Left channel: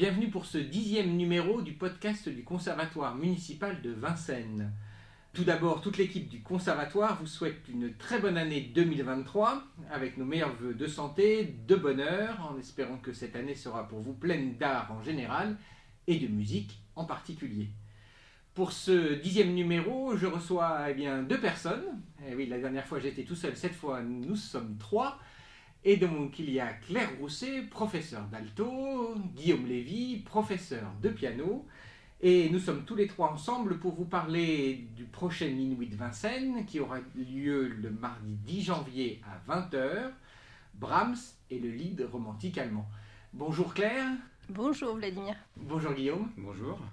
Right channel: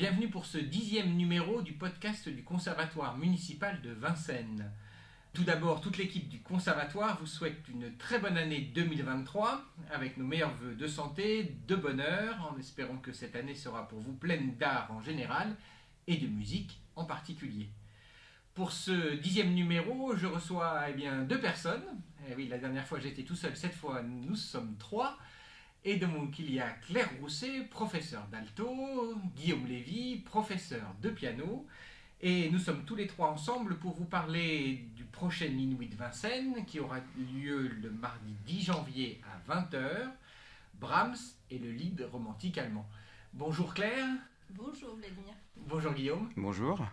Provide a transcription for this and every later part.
bienvenue pour ce 10e numéro du podcast du Conservatoire municipal de Vincennes. Tout d'abord, toute l'équipe du Conservatoire vous souhaite une très bonne année 2023, avec nos meilleurs vœux de santé, de bonheur, en espérant que cette année sera pour vous pleine d'art en général et de musique en particulier. Pour ce 10e numéro, je reçois deux personnes. Oui, la dernière fois j'étais tout seul, cette fois nous sommes 3. Et donc il y a Claire Rousset, professeure d'alto, Guillaume Lévy, professeur de piano. Et nous sommes tous les 3 ensemble pour vous parler du prochain Inouï de Vincennes qui aura lieu le mardi 10 janvier à 20h. Brahms et le lied romantique allemand. Bonjour Claire. Bonjour Vladimir. Bonjour Guillaume. Bonjour.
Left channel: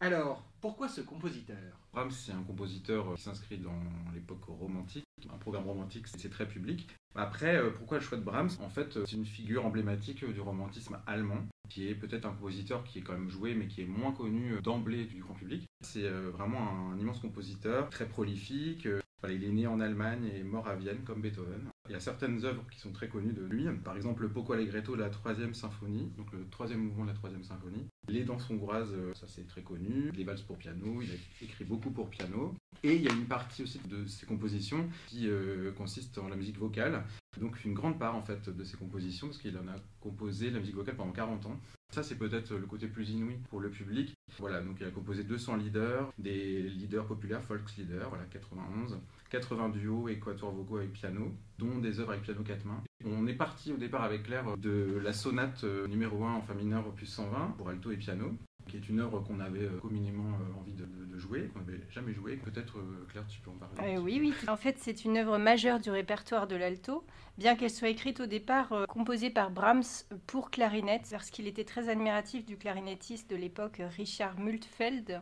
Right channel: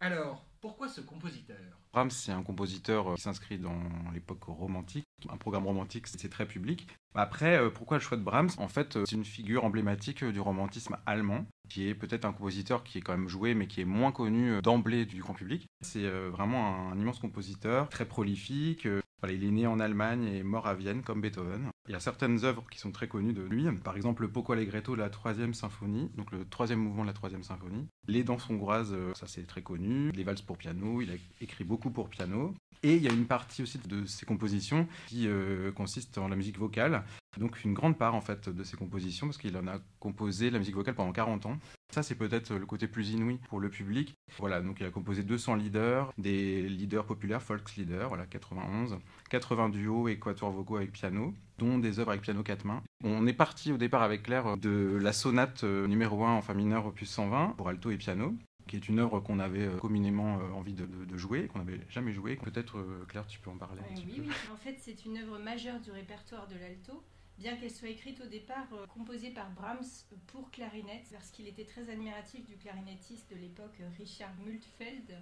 Alors, pourquoi ce compositeur ? Brahms, c'est un compositeur qui s'inscrit dans l'époque romantique. Un programme romantique, c'est très public. Après, pourquoi le choix de Brahms ? En fait, c'est une figure emblématique du romantisme allemand, qui est peut-être un compositeur qui est quand même joué, mais qui est moins connu d'emblée du grand public. C'est vraiment un immense compositeur, très prolifique. Il est né en Allemagne et mort à Vienne, comme Beethoven. Il y a certaines œuvres qui sont très connues de lui, par exemple le Poco Allegretto de la 3e symphonie, donc le 3e mouvement de la 3e symphonie. Les danses hongroises, ça c'est très connu. Les valses pour piano, il a écrit beaucoup pour piano. Et il y a une partie aussi de ses compositions qui consiste en la musique vocale. Donc une grande part en fait de ses compositions, parce qu'il en a composé la musique vocale pendant 40 ans. Ça c'est peut-être le côté plus inouï pour le public. Voilà, donc il a composé 200 leaders, des leaders populaires, Volkslieder, 91, 80 duos et quatuors vocaux avec piano, dont des œuvres avec piano 4 mains. On est parti au départ avec Claire de la sonate numéro 1 en fa mineur opus 120 pour alto et piano, qui est une œuvre qu'on avait communément envie de jouer, qu'on n'avait jamais joué. Peut-être, Claire, tu peux en parler Oui. En fait, c'est une œuvre majeure du répertoire de l'alto, bien qu'elle soit écrite au départ, composée par Brahms pour clarinette, parce qu'il était très admiratif du clarinettiste de l'époque, Richard Multfeld.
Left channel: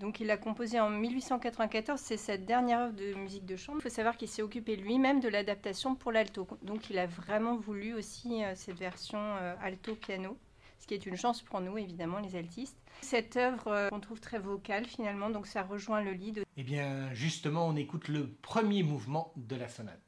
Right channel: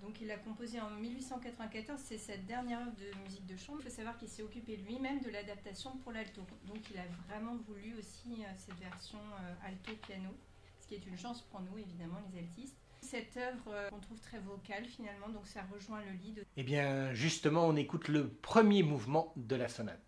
Donc il l'a composé en 1894, c'est sa dernière œuvre de musique de chambre. Il faut savoir qu'il s'est occupé lui-même de l'adaptation pour l'alto. Donc il a vraiment voulu aussi cette version alto-piano. Ce qui est une chance pour nous, évidemment, les altistes. Cette œuvre qu'on trouve très vocale, finalement, donc ça rejoint le lead. Eh bien, justement, on écoute le premier mouvement de la sonate.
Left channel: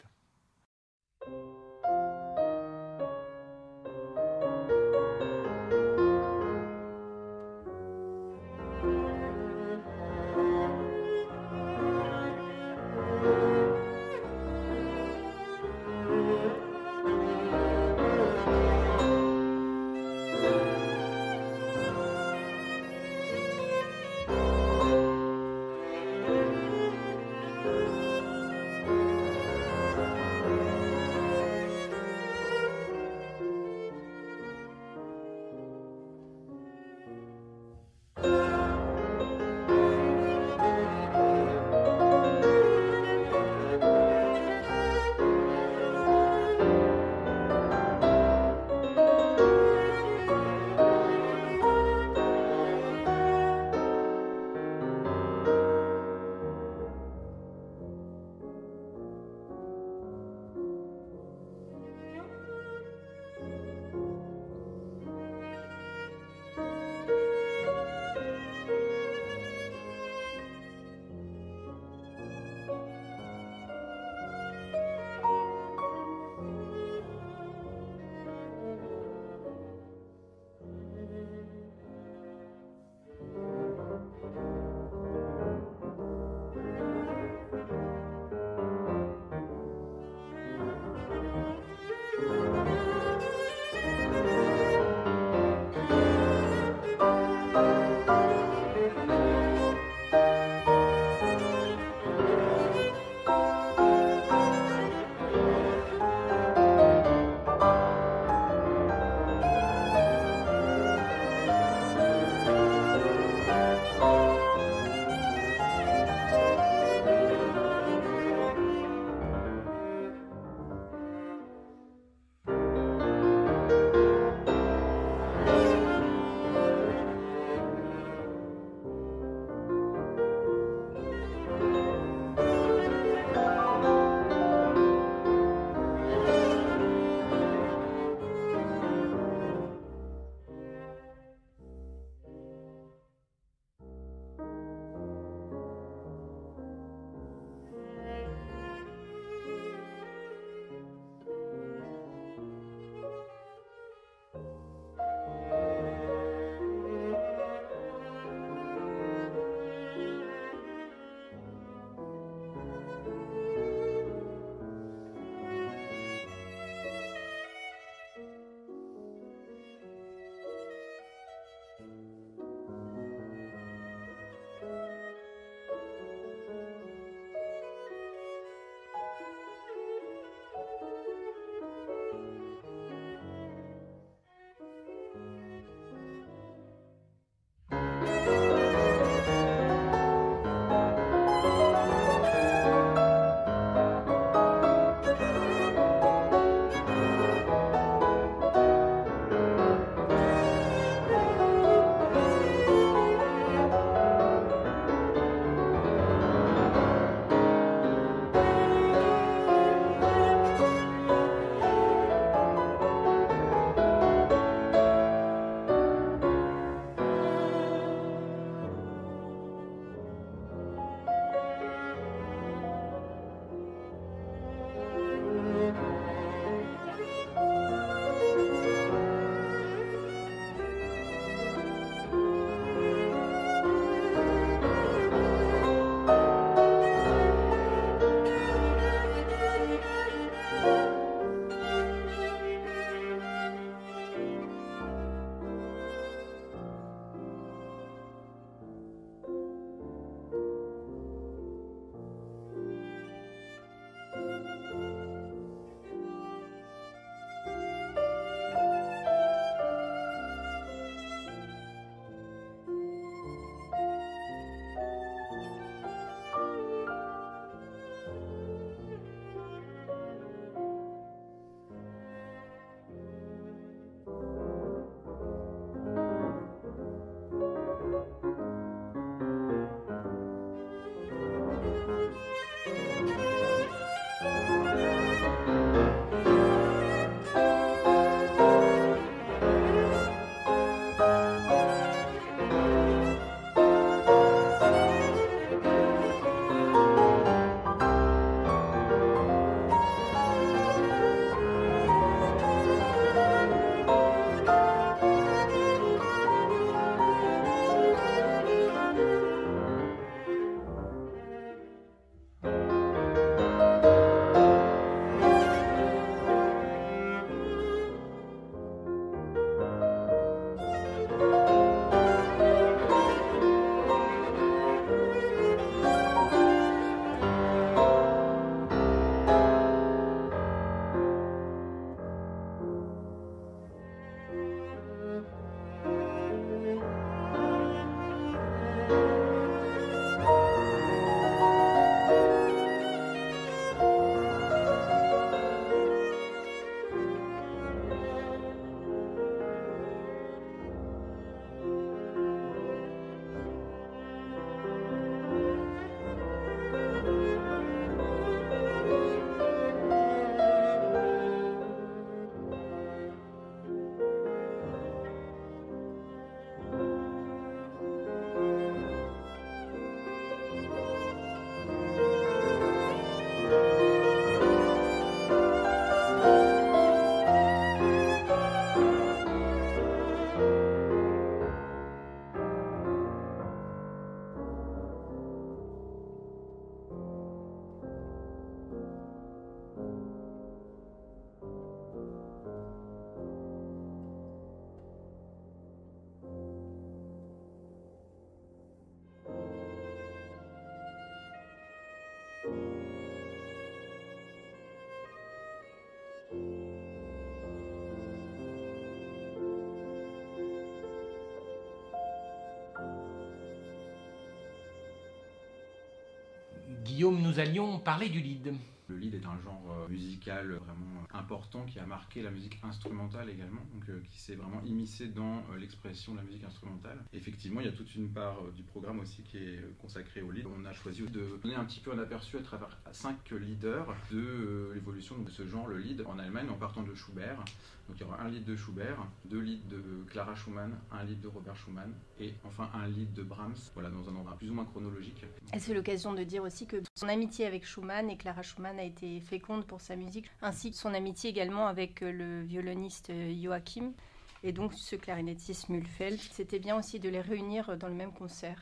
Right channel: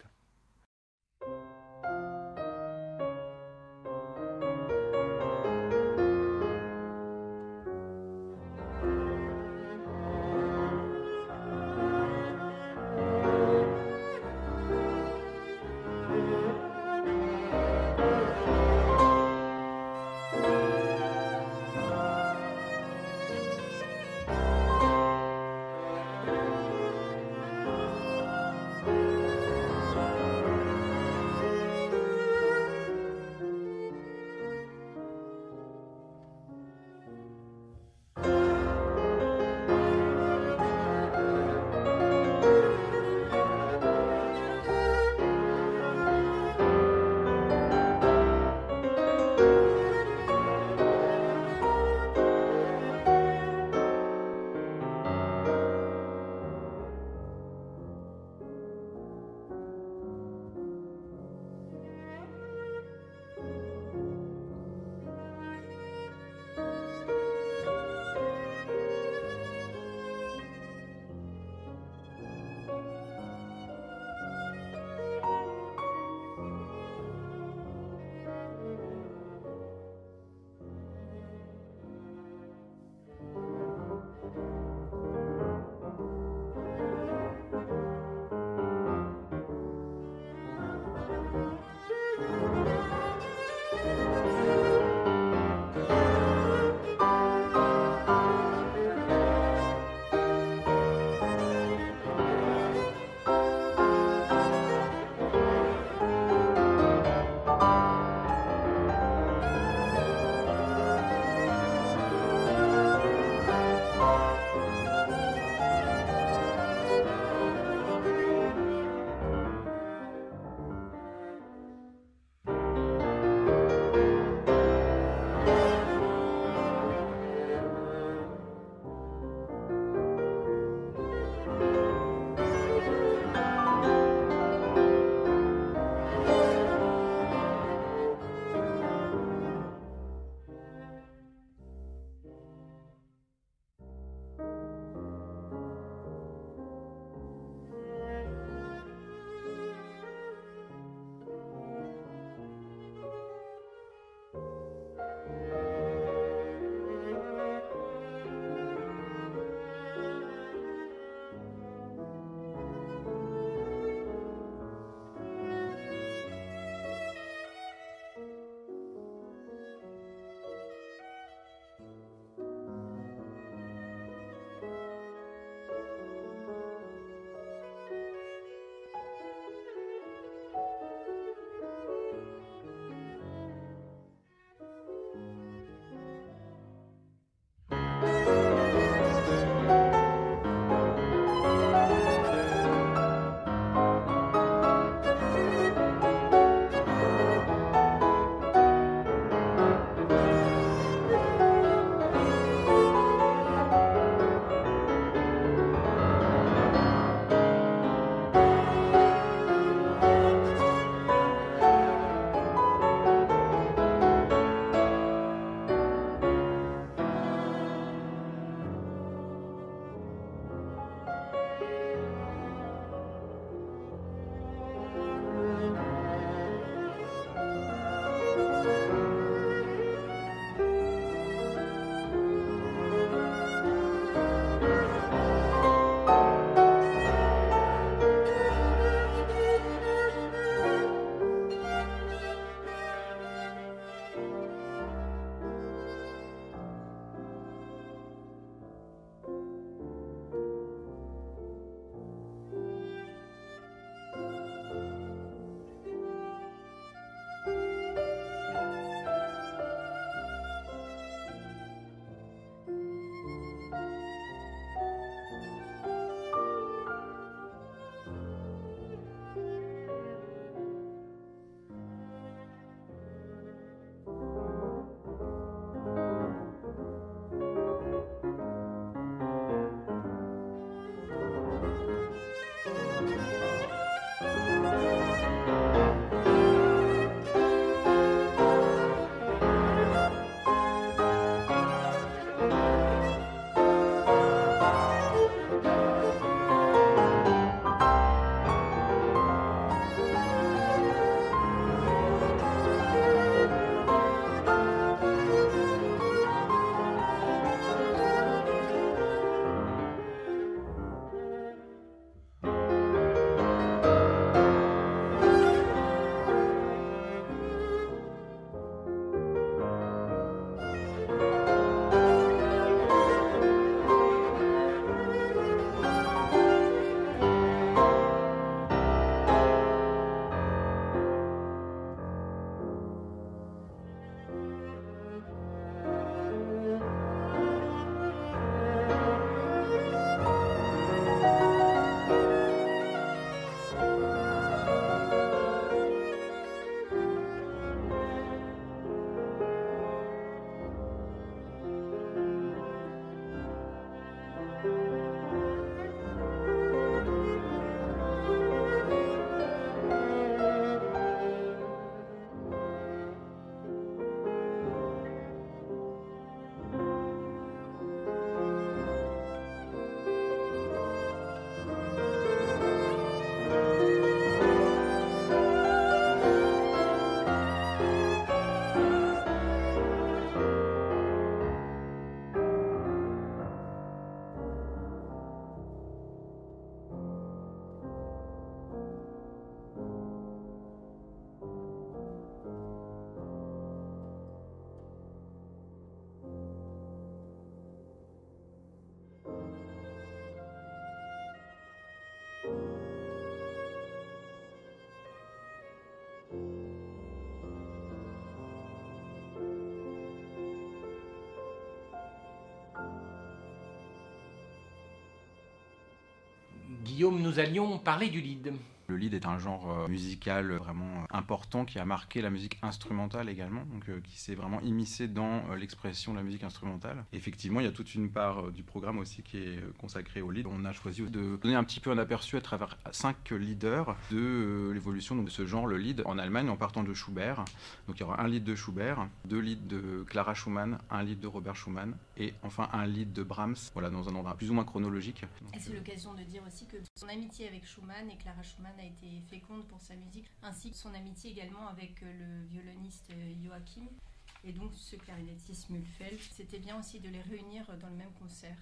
Guillaume, nous allions parler du lead. Le lead est un genre musical vraiment important qui a marqué la musique instrumentale également, donc qui s'est vraiment immiscé dans l'expression de la musique instrumentale. Effectivement, il y a toute une part du programme aussi qui est consacrée au lead. On a choisi de donner un petit peu un aperçu à travers 5 leaders de l'évolution de ce genre, le lead, en Allemagne, en partant de Schubert. Donc il y aura un lead de Schubert, 2 leads de Clara Schumann, un lead de Robert Schumann et enfin un lead de Brahms, voilà, dans un ordre plus ou moins chronologique. Et c'est l'occasion de dire aussi que son amitié avec Schumann et Clara Schumann a été féconde pour sa musique, ainsi que son amitié également avec le violoniste Joachim et donc ce clarinettiste Mühlfeld. C'était bien aussi de les réunir dans le même concert,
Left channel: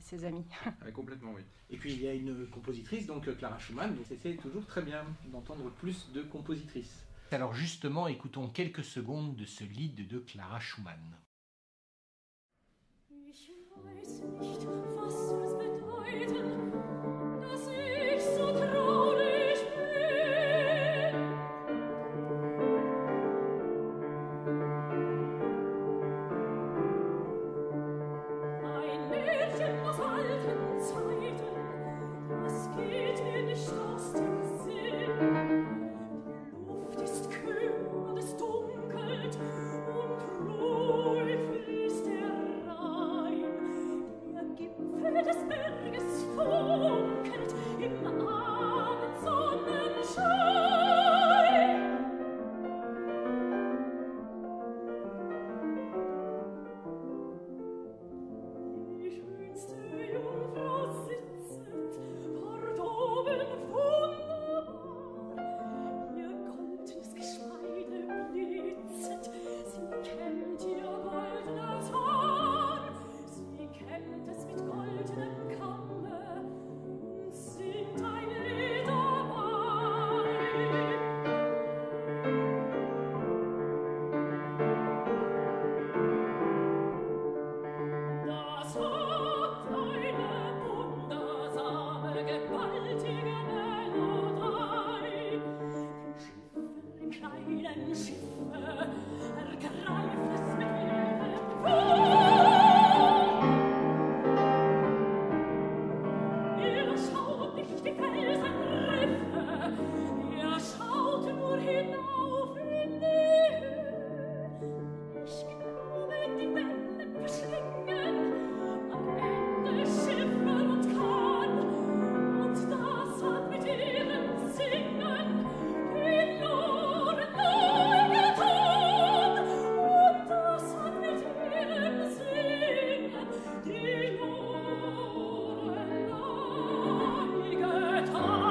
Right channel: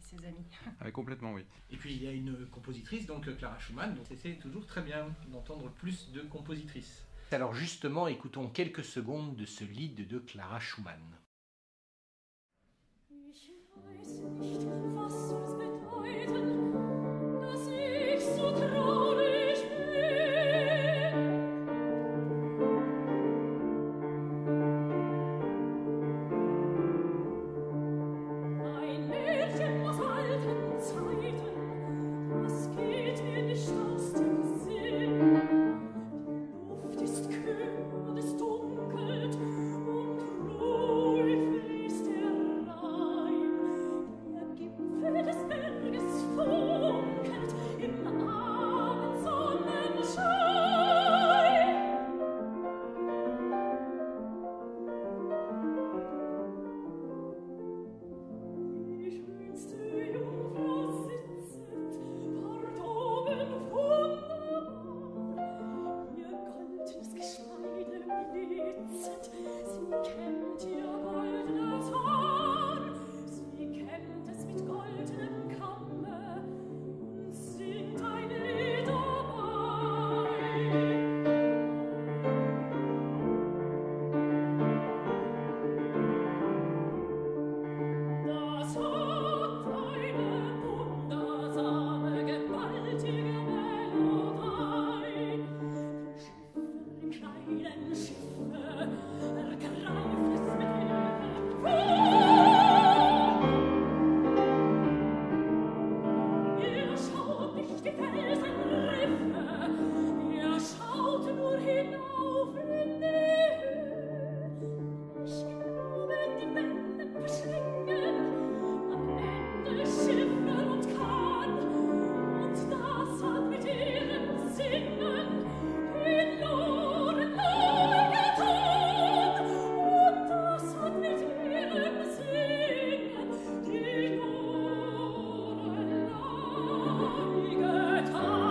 ses amis. Ah, complètement, oui. Et puis il y a une compositrice, donc Clara Schumann, donc c'est toujours très bien d'entendre plus de compositrices. Alors justement, écoutons quelques secondes de ce lead de Clara Schumann. Ich weiß nicht, was soll es bedeuten, dass ich so traurig bin. Ein Märchen aus alten Zeiten, das geht mir nicht aus dem Sinn. Die Luft ist kühl und es dunkelt und ruhig fließt der Rhein. Der Gipfel des Berges funkelt im Abendsonnenschein. Die schönste Jungfrau sitzet dort oben wunderbar. Ihr goldenes Geschmeide blitzet, sie kämmt ihr goldenes Haar. Sie kämmt es mit goldenem Kamme und singt ein Lied dabei. Das hat eine wundersame, gewaltige Melodie. Die kleinen Schiffe, ergreift es mit ihrem Fuß. Ihr schaut nicht die Felsenriffe, ihr schaut nur hinauf in die Höhe. Ich glaube, die Wellen verschlingen am Ende Schiffe und Kahn. Und das hat mit ihrem Singen die Lorelei getan. Und das hat mit ihrem Singen die Lorelei getan.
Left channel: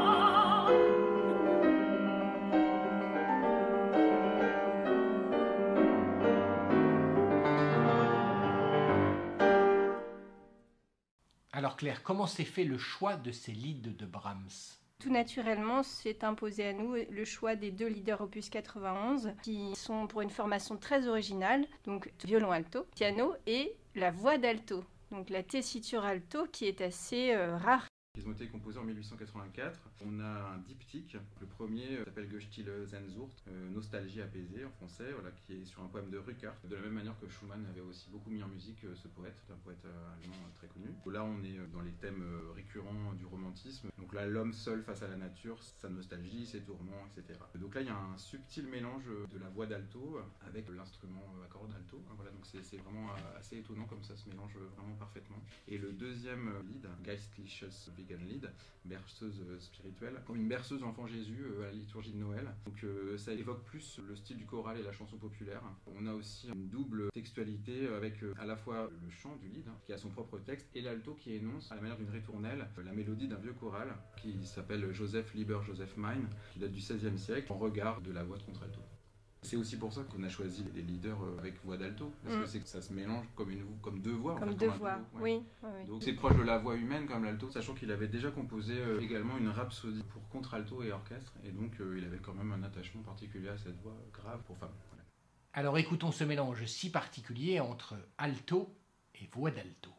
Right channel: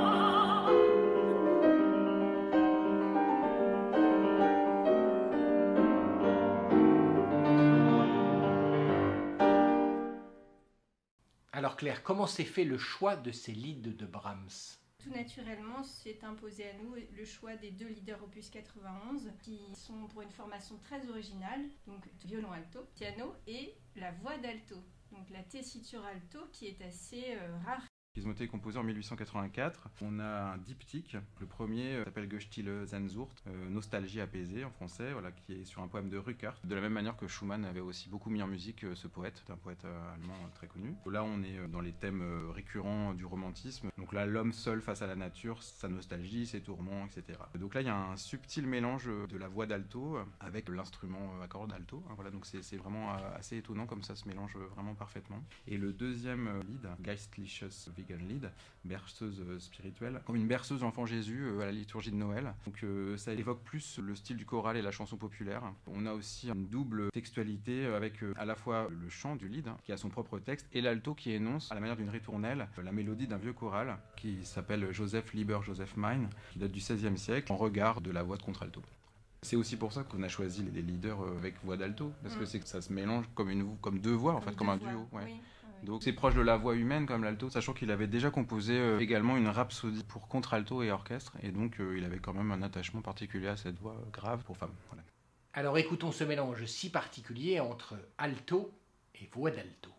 Alors Claire, comment s'est fait le choix de ces leads de Brahms ? Tout naturellement, s'est imposé à nous le choix des 2 leaders opus 91 qui sont pour une formation très originale, donc violon alto, piano et la voix d'alto, donc la tessiture alto qui est assez rare. Ils ont été composés en 1884. On a un diptyque. Le premier s'appelle Gestille Sehnsucht, Nostalgie apaisée en français, voilà, qui est sur un poème de Ruckert. De la même manière que Schumann avait aussi beaucoup mis en musique ce poète, c'est un poète allemand très connu. Là, on est dans les thèmes récurrents du romantisme. Donc là, l'homme seul face à la nature, sa nostalgie, ses tourments, etc. Donc là, il y a un subtil mélange de la voix d'alto avec l'instrument à cordes alto. Voilà, donc c'est vraiment assez étonnant comme ça se mélange vraiment parfaitement. Et le deuxième lead, Geistliches Wiegenlied, berceuse spirituelle, comme une berceuse enfant Jésus à la liturgie de Noël. Donc ça évoque plus le style du choral et la chanson populaire. On a aussi une double textualité avec à la fois le chant du lead, qui a son propre texte, et l'alto qui énonce, à la manière d'une ritournelle, la mélodie d'un vieux choral qui s'appelle Joseph Lieber Joseph Mein, qui date du XVIe siècle, en regard de la voix de contralto. C'est aussi pour ça qu'on a choisi les leaders avec voix d'alto, parce que c'est que ça se mélange comme deux voix, comme un duo. Ouais. Oui. Donc c'est proche de la voix humaine comme l'alto, sachant qu'il avait déjà composé également une rhapsodie pour contralto et orchestre, et donc il avait quand même un attachement particulier à cette voix grave pour femme. Voilà. Alors écoutons ce mélange si particulier entre alto et voix d'alto.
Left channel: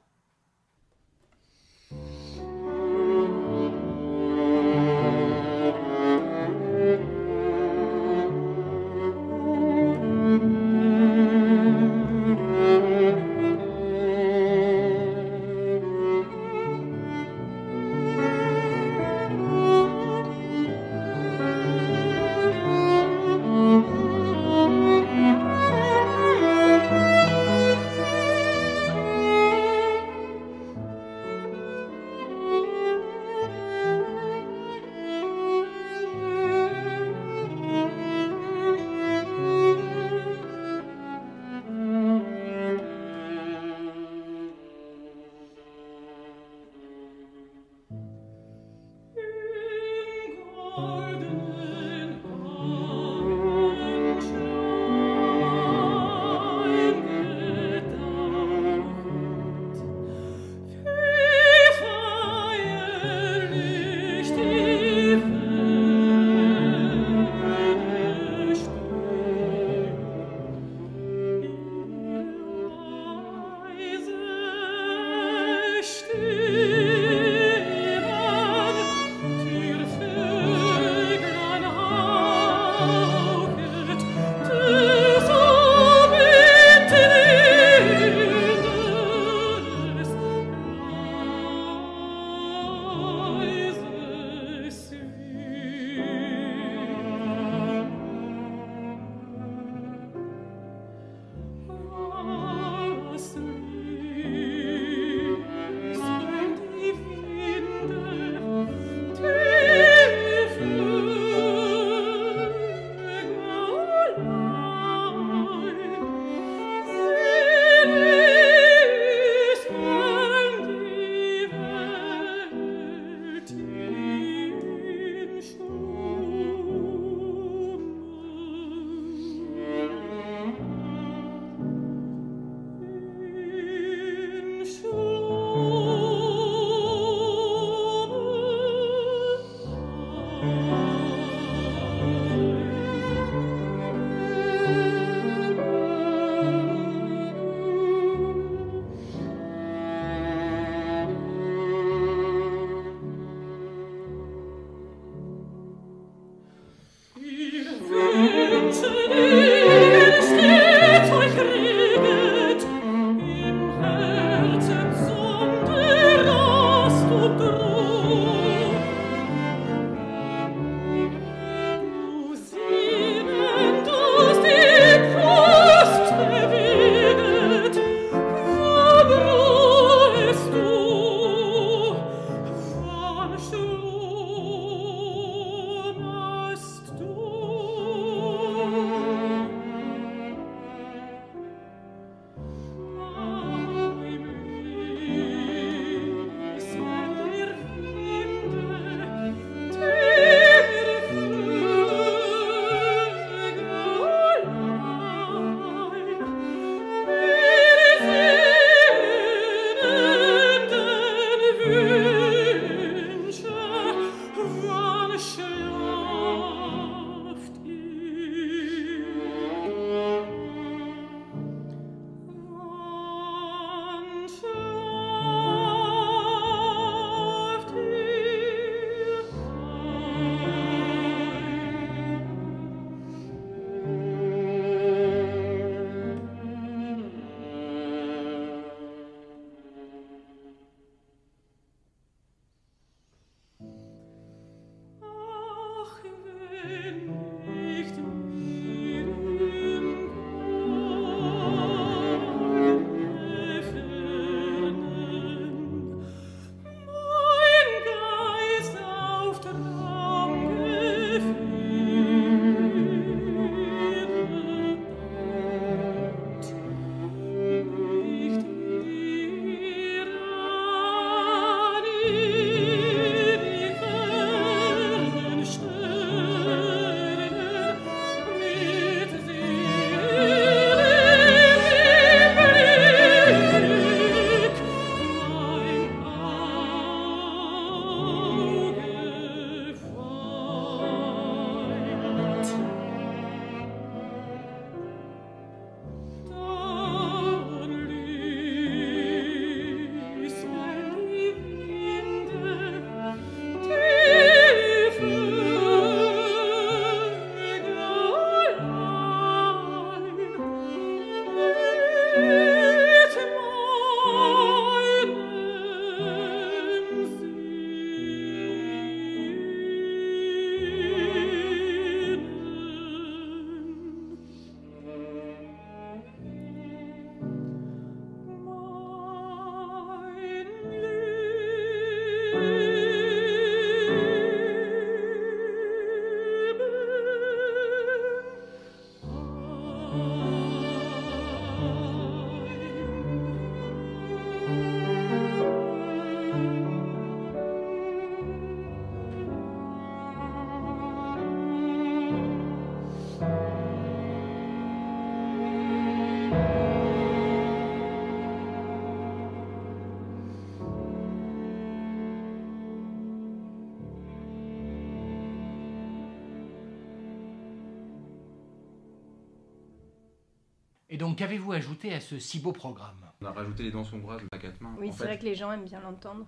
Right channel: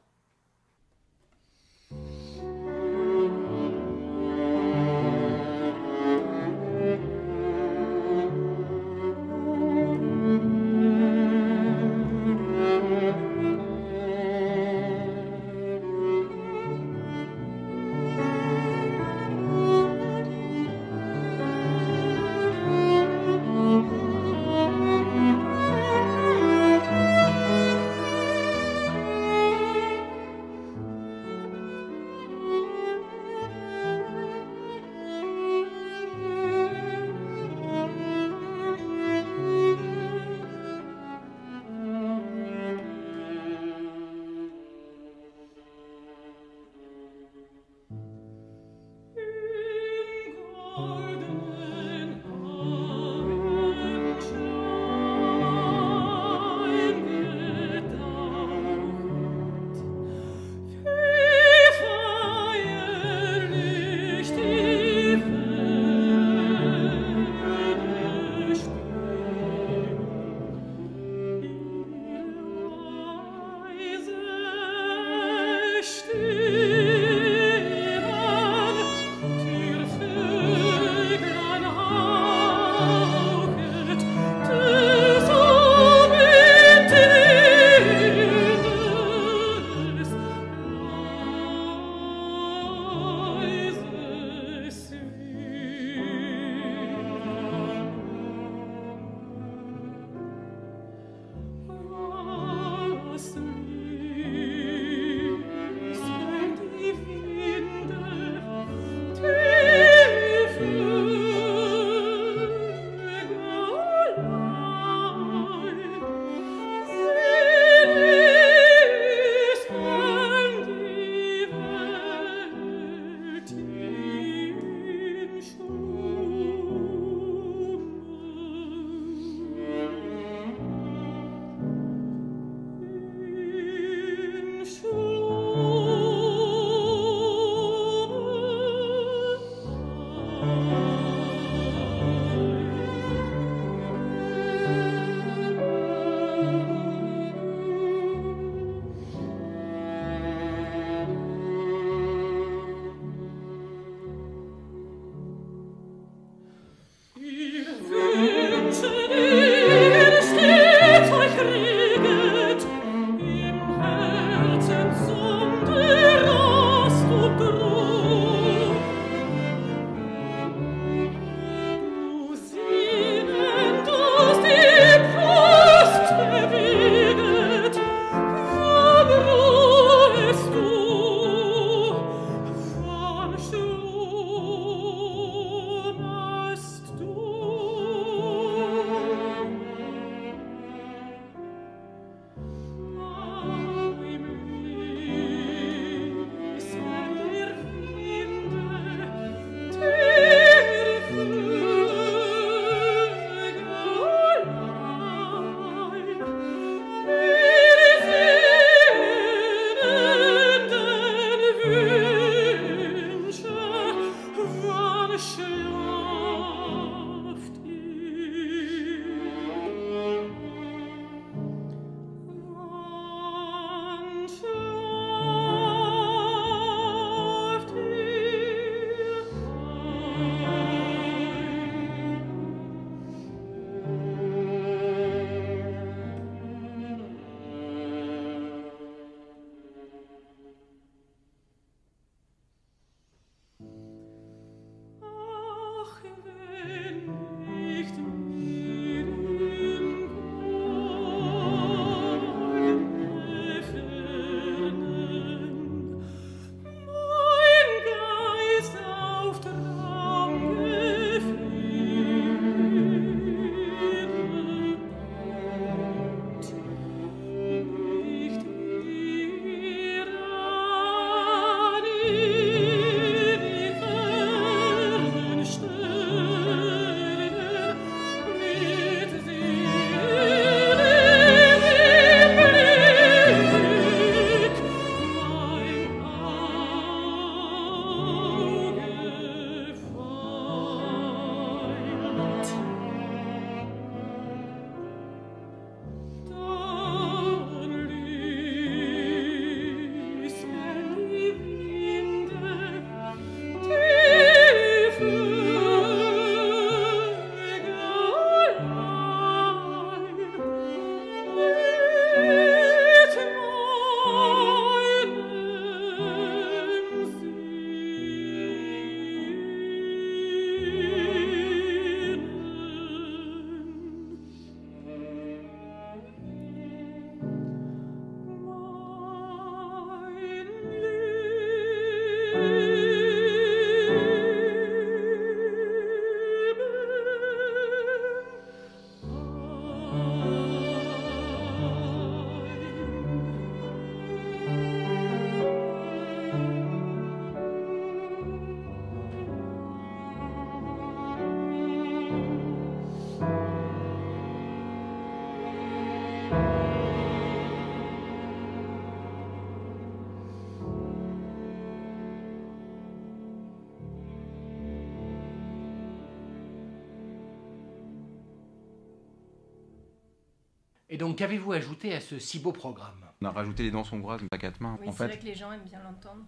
donc, qu'avez-vous ajouté à ce si beau programme? On a rajouté les danses hongroises à quatre mains. Oui, en c'est fait. vrai que les gens aiment bien l'entendre.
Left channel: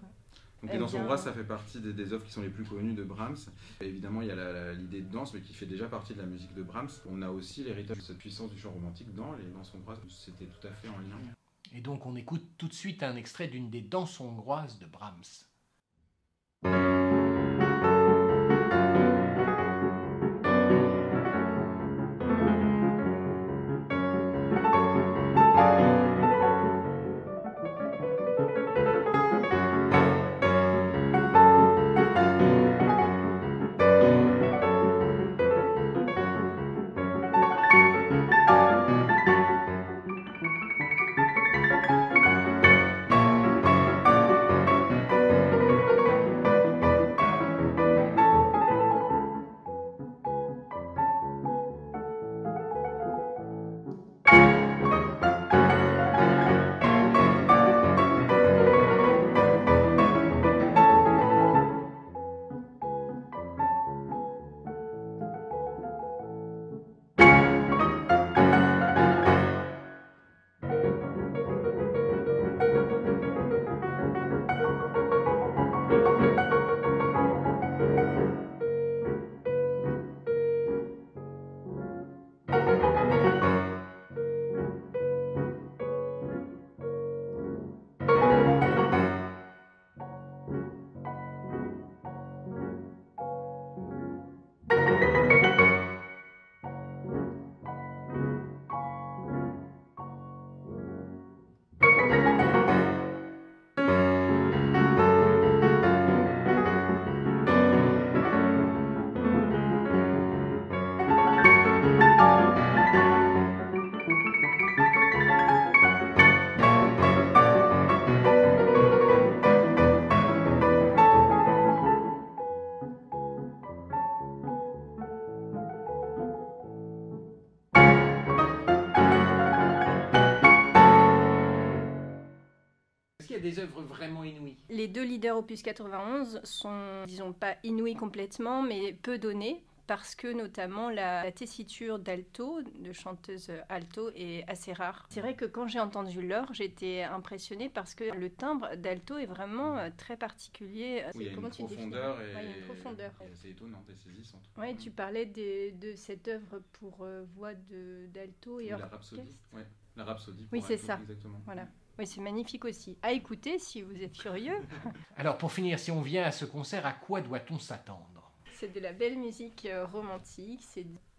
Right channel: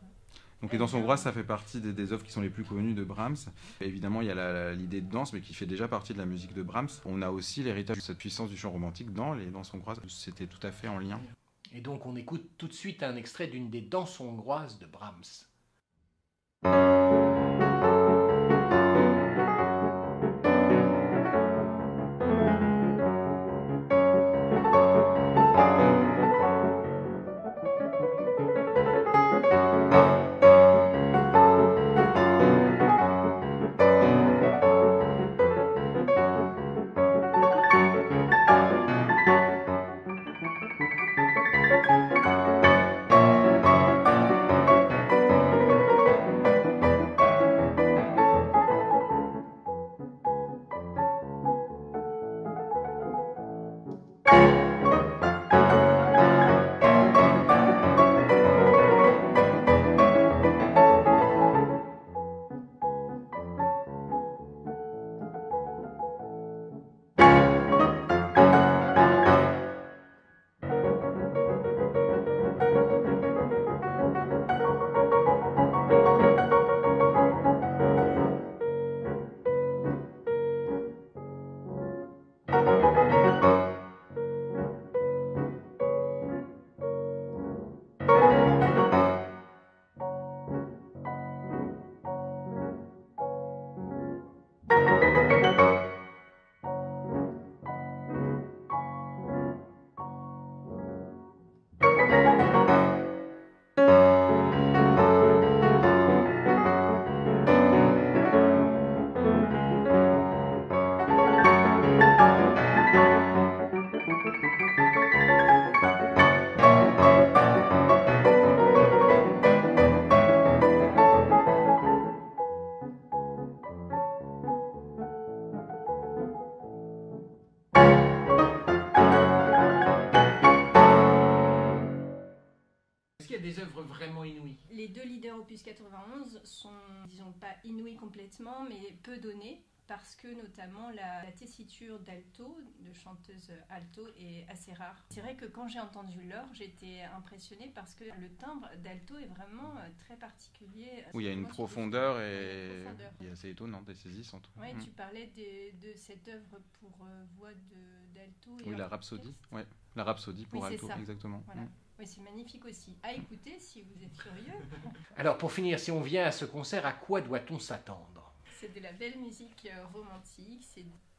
Donc les danses hongroises, ça fait partie des œuvres qui sont les plus connues de Brahms. Et évidemment, il y a l'idée de danse, mais qui fait déjà partie de la musique de Brahms. On a aussi l'héritage de cette puissance du chant romantique dans les danses hongroises. C'était tout à fait en lien. Et donc on écoute tout de suite un extrait d'une des danses hongroises de Brahms. Des œuvres vraiment inouïes. Les deux leaders opus 91 sont, disons, pas inouïs complètement, mais peu donnés, parce que notamment la tessiture d'alto, de chanteuse alto, est assez rare. C'est vrai que quand j'ai entendu Laure, j'étais impressionnée parce que le timbre d'alto est vraiment très particulier. Oui, il y a une profondeur et assez étonnante et saisissante. Oui, tu parlais de cette œuvre pour voix d'alto et oui, la rhapsodie. Ouais. La rhapsodie pour alto, c'est ça. Exactement. Voilà. Oui, c'est magnifique aussi. À écouter si vous êtes curieux. Alors pour finir, si on vient à ce concert, à quoi doit-on s'attendre? C'est de la belle musique romantique.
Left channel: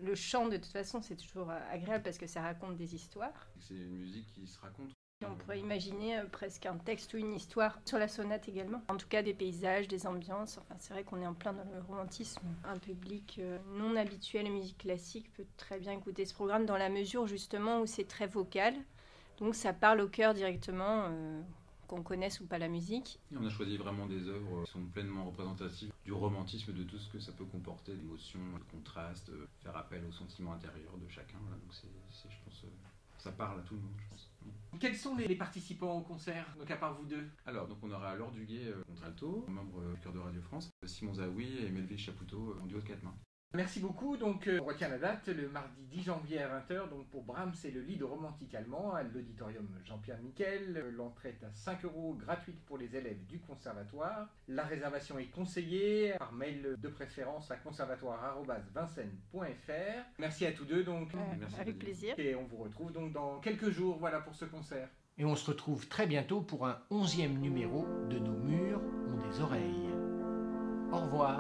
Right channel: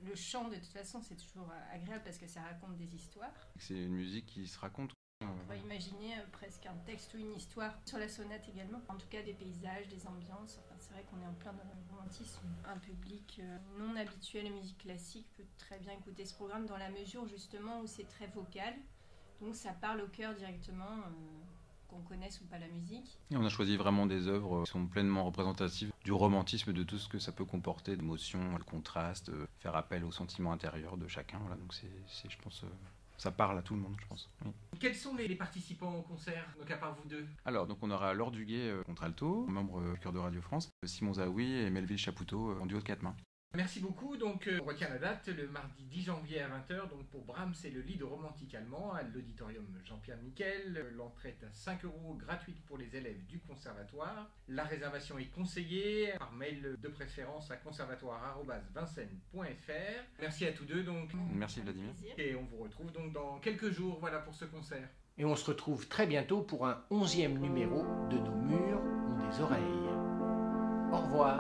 Le chant, de toute façon, c'est toujours agréable parce que ça raconte des histoires. C'est une musique qui se raconte. Et on pourrait imaginer presque un texte ou une histoire sur la sonate également. En tout cas, des paysages, des ambiances. Enfin, c'est vrai qu'on est en plein dans le romantisme. Un public non habituel à la musique classique peut très bien écouter ce programme dans la mesure justement où c'est très vocal. Donc ça parle au cœur directement, qu'on connaisse ou pas la musique. Et on a choisi vraiment des œuvres qui sont pleinement représentatives du romantisme, de tout ce que ça peut comporter, d'émotions, de contrastes, faire appel aux sentiments intérieurs de chacun. Voilà, donc c'est, je pense, ça parle à tout le monde, je pense. Oui. Quels sont les participants au concert, donc à part vous deux? Alors, donc on aura Laure Duguay contralto, membre du chœur de Radio France, Simon Zaoui et Melville Chapoutot en duo de quatre mains. Merci beaucoup. Donc, on retient la date, le mardi 10 janvier à 20h. Donc, pour Brahms, c'est le lied romantique allemand à l'auditorium Jean-Pierre Miquel. L'entrée est à 5 €, gratuite pour les élèves du conservatoire. La réservation est conseillée par mail de préférence à conservatoire@vincennes.fr. Merci à tous deux. Donc, merci avec plaisir. Et on vous retrouve donc dans quelques jours, voilà, pour ce concert. Et on se retrouve très bientôt pour un 11e numéro de Nos murs ont des oreilles. Au revoir.